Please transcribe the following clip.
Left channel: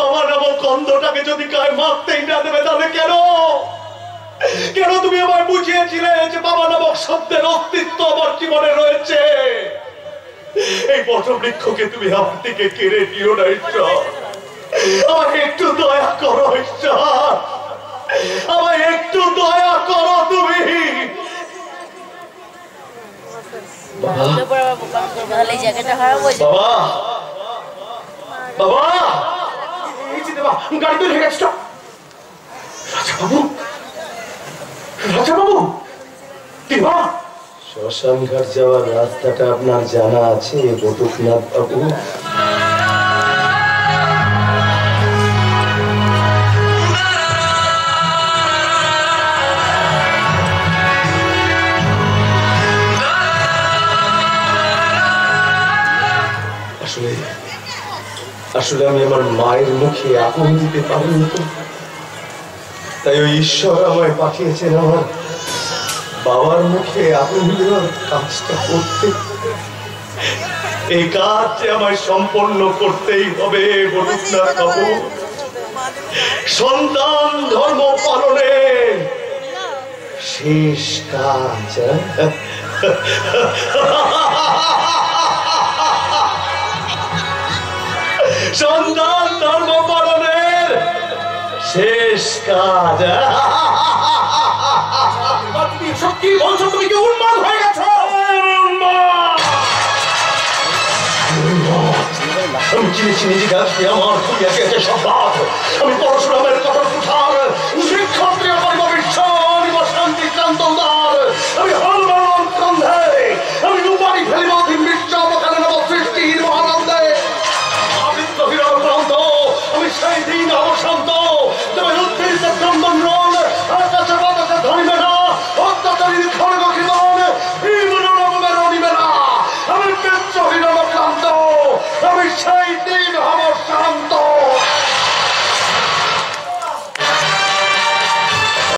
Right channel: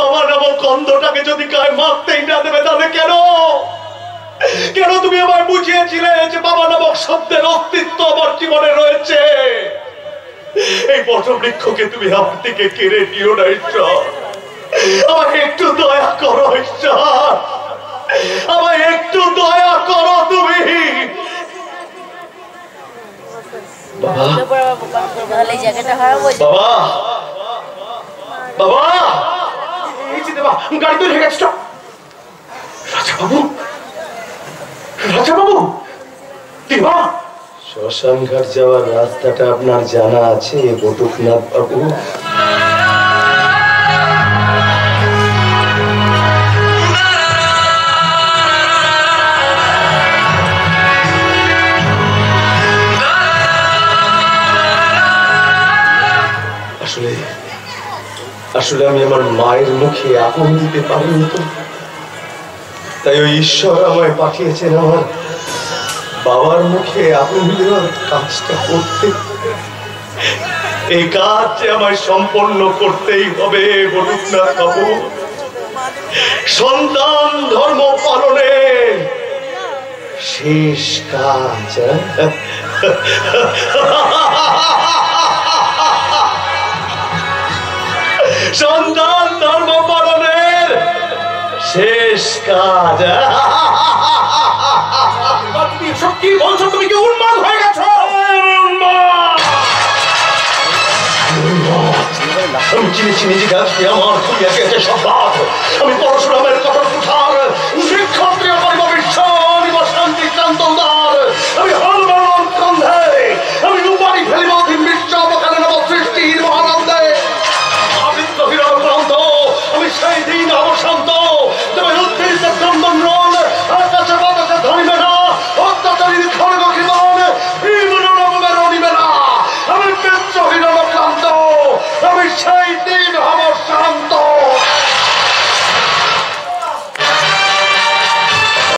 বাবা নামক অন্ধটাকে যদি গায়ে মারতেই না দেবে তাহলে কেন কেন তুমি আমায় বুঝিয়েছিলে যে বাবা নামক শব্দের অস্তিত্ব আমার জীবনে রয়েছে? এই বটবৃক্ষকে তুমি আমার থেকে কেড়ে নিও না ঈশ্বর। আমাকে একটু দয়া করো ঈশ্বর, আমায় একটু দয়া করো তুমি। বাবা বাবা গাড়ি তো লেগে গেছে। রাজা বাবু, রাজা বাবু, শ্মশান ঘাট যাওয়ার রাস্তাটা আপনার জানা আছে বটুকনাথ বাবু? আসলে আসলে আমি আমার মায়ের মুখে আগুন দিতে পারিনি তো, তাই ওই ঈশ্বর আমায় পাঠিয়েছেন আমার বাবার মুখে আগুন দেওয়ার কাজটা করতে। এই কাজ যে আমায় সম্পন্ন করতেই হবে বটুকনাথ বাবু। সন্তান ধর্ম পালনের শেষ কাজ। সন্তান ধর্ম পালনের শেষ কাজ। সত্যি বলছো? তুমি কি উন্মাদ হয়ে গেছো? আমি চিনেছি নিজেকে, আজকে আমার তুমি একে একে সব। আমি পরশুরামের কথা